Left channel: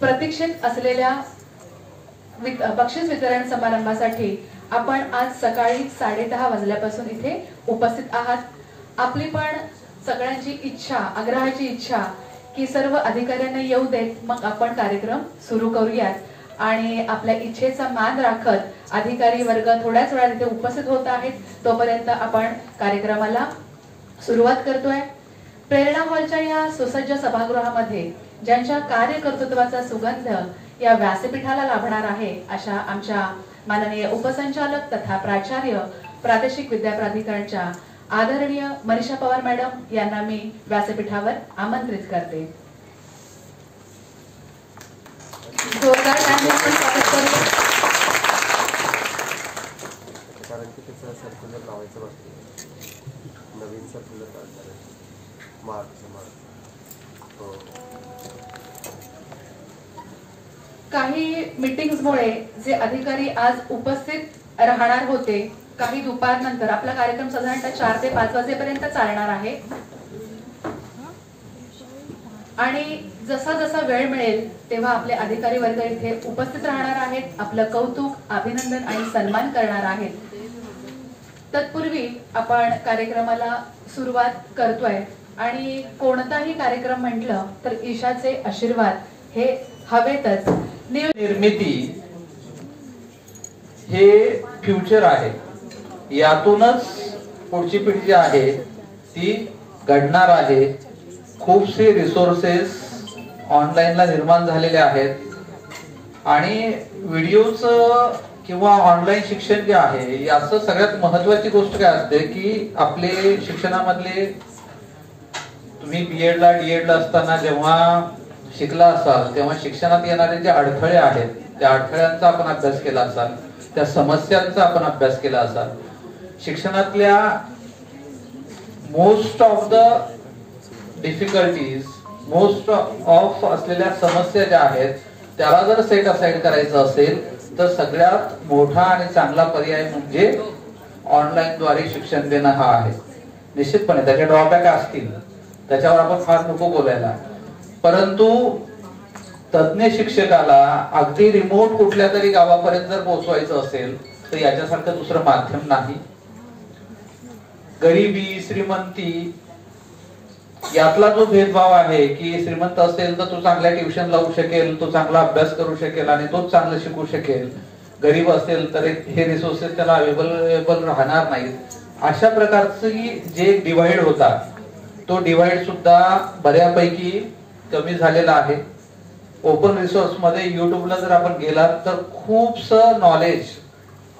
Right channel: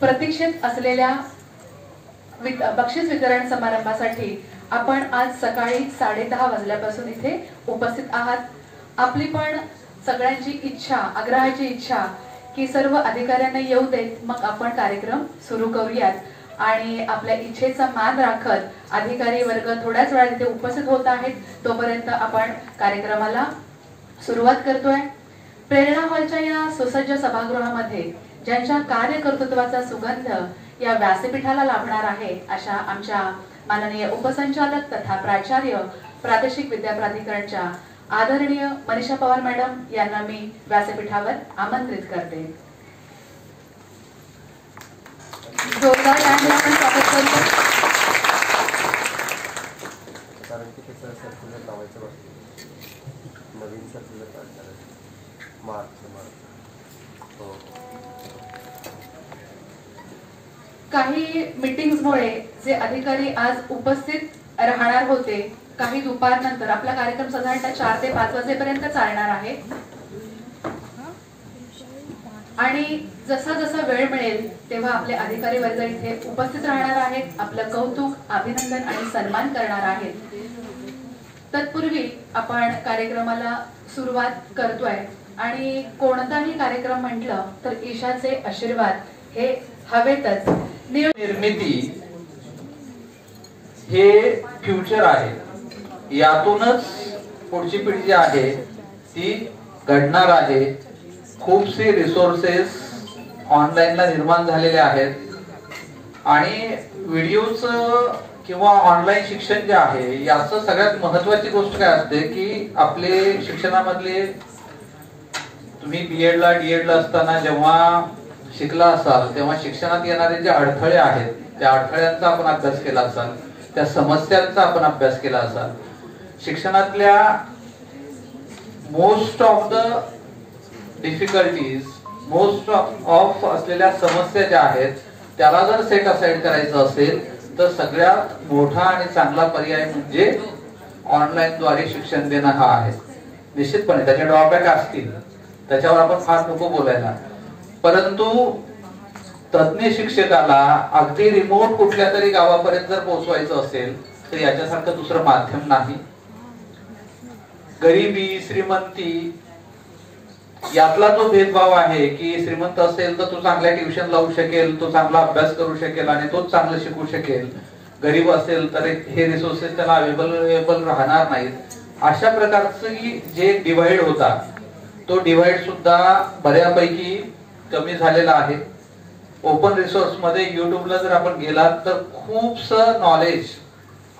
प्रतीक्षेत असलेल्या बक्षीस वितरण समारंभासाठी आपण आज सकाळी 10:30 वाजल्यापासून इथे उपस्थित आहात। आपली पण सगळ्यांची इच्छा, आग्रहाची इच्छा की सर्व अधिकाऱ्यांना येऊ देत, मग आपण कार्यक्रम सुरू करूयात। आणि आपल्या इच्छेचा मान राखत अधिकारी वर्ग थोड्याच वेळात इथे उपस्थित होत आहेत, तोपर्यंत आपण कार्यक्रमाला सुरुवात करतोय। प्रेरणा हॉलच्या या सुसज्ज सभागृहामध्ये ज्यांच्या कार्यकर्तृत्वाचा सुगंध या व्यासपीठाला लाभणार आहे, अशा आमच्या माननीय उपसंचालक तथा प्राचार्य प्रादेशिक विद्या प्राधिकरणच्या आदरणीय मनीषा पवार मॅडम यांना मी व्यासपीठावर आमंत्रित करते। जोरदार टाळ्यांनी आपण स्वागत करतो। कारण की त्याचं सर्क्युलर लावायचं बाकी, नवीन सर्क्युलर काढणार आहे मार्च हो। काही मीटिंग्समुळे जे अधिकारी आज उपस्थित राहणार होते, काही दुपारनंतर आपला कार्यक्रम साधारणतः 4 ते 5 वाजेपर्यंत चालणार आहे आणि जसा जसा वेळ मिळेल तेव्हा आपले अधिकारी वर्ग इथे उपस्थित राहणार आहेत, आपलं कौतुक, अभिनंदन आणि सन्मान करणार आहेत। तत्पूर्वी आपण कार्यक्रमाला सुरुवात करतोय आणि कोणताही कार्यक्रम म्हटलं तर ईशाचे आशीर्वाद हे हवेतच। निर्मिती हे फ्युचर आहे, यातूनच पुढची पिढी जी आहे ती घडणार आहे। खूपसे रिसोर्सेस ऑनलाईनला निर्माण झालेले आहेत आणि व्हिडिओच किंवा ऑनलाईन शिक्षण जे आहे याचं सगळ्यात महत्वाची गोष्ट काय असते की आपले शिक्षणामधले, तुम्ही बीएडला डीएडला असताना जेव्हा शिकला असाल तेव्हा शिक्षणात येणारे जे अडथळे आहेत त्या अडथळ्यांचा आपण अभ्यास केला असाल, त्या समस्यांचा आपण अभ्यास केला असाल। शिक्षणातल्या most of the difficulties, most of असलेल्या समस्या ज्या आहेत त्याला जर सेट असाइड करायचं असेल तर सगळ्यात मोठा आणि चांगला पर्याय म्हणजे ऑनलाईन द्वारे शिक्षण देणं हा आहे। निश्चितपणे त्याचे ड्रॉबॅक असतील, त्याच्यावर आपण फार नको बोलायला, परंतु तज्ञ शिक्षकाला अगदी रिमोट कुठल्या तरी गावापर्यंत जर पोहोचवायचं असेल तर याच्यासारखं दुसरं माध्यम नाही। गरिबी श्रीमंती यातला जो भेदभाव आहे की श्रीमंत असेल तर तो चांगल्या ट्युशन लावू शकेल, तो चांगला अभ्यास करू शकेल आणि तोच चांगलं शिकू शकेल, गरीब असेल तर हे रिसोर्सेस त्याला अवेलेबल राहणार नाहीत। अशा प्रकारची जे डिवाइड होता तो डिवाइड सुद्धा बऱ्यापैकी कमी झालेला आहे। ओपन रिसोर्स मध्ये युट्यूबला जर आपण गेलात तर खूपसं नॉलेज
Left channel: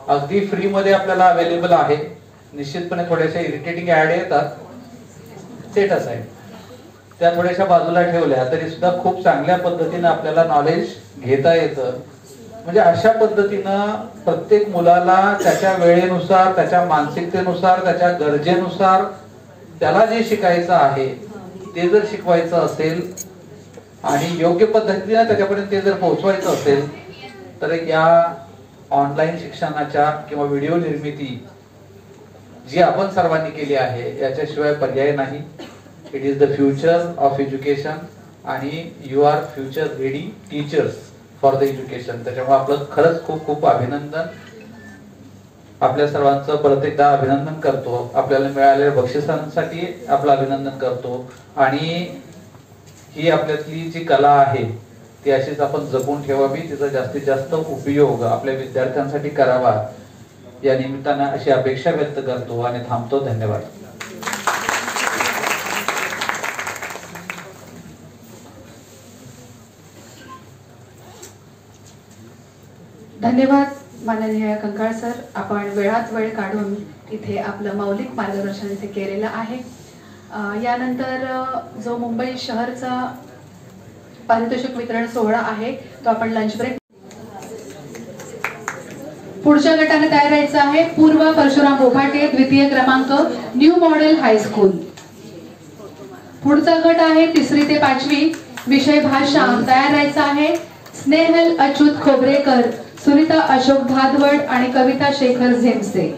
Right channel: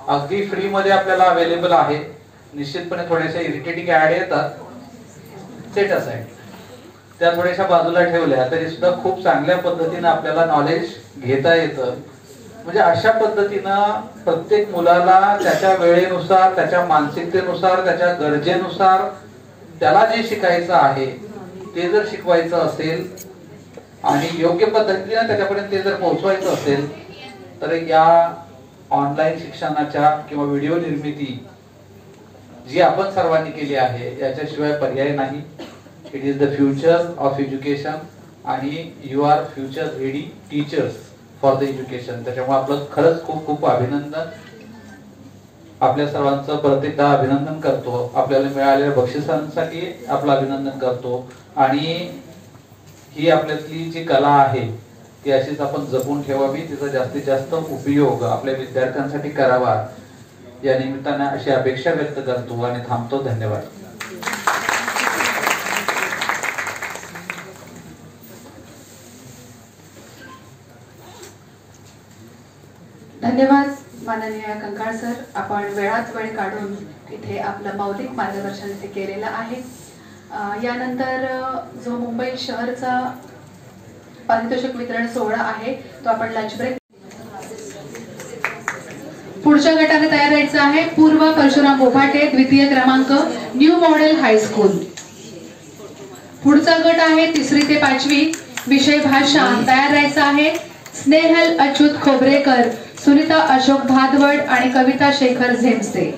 अगदी फ्री मध्ये आपल्याला अवेलेबल आहे। निश्चितपणे थोड्याशा इरिटेटिंग ऍड येतात, सेट असाइड त्या थोड्याशा बाजूला ठेवल्या तरी सुद्धा खूप चांगल्या पद्धतीने आपल्याला नॉलेज घेता येतं। म्हणजे अशा पद्धतीनं प्रत्येक मुलाला त्याच्या वेळेनुसार, त्याच्या मानसिकतेनुसार, त्याच्या गरजेनुसार त्याला जे शिकायचं आहे ते जर शिकवायचं असेल आणि योग्य पद्धतीने त्याच्यापर्यंत ते जर पोहोचवायचं असेल तर या ऑनलाईन शिक्षणाच्या किंवा व्हिडिओ निर्मिती जी आपण सर्वांनी केली आहे याच्याशिवाय पर्याय नाही। It is the future of education आणि you are future ready teachers for the education. त्याच्यामुळे आपलं खरंच खूप खूप अभिनंदन। आपल्या सर्वांचं परत एकदा अभिनंदन करतो, आपल्याला मिळालेल्या बक्षिसांसाठी आपलं अभिनंदन करतो आणि ही आपल्यातली जी कला आहे ती अशीच आपण जपून ठेवावी, तिचा जास्तीत जास्त उपयोग आपल्या विद्यार्थ्यांसाठी करावा या निमित्तानं अशी अपेक्षा व्यक्त करतो आणि थांबतो। धन्यवाद। धन्यवाद माननीय कंकाळ सर, आपण वेळात वेळ काढून इथे आपलं मौलिक मार्गदर्शन इथे केलेलं आहे। यानंतर जो मुंबई शहरचा पारितोषिक वितरण सोहळा आहे तो आपण लंच ब्रेक। पुढच्या गटाने तयार राहायचं आहे पूर्व परशुराम बोभाटे, द्वितीय क्रमांक, न्यू मॉडेल हायस्कूल। पुढचा गट आहे 3री ते 5वी, विषय भाषा। तयार राहायचं आहे स्नेहल अच्युत खोबरेकर, सुनीता अशोक भादवड आणि कविता शेखर झेमसे।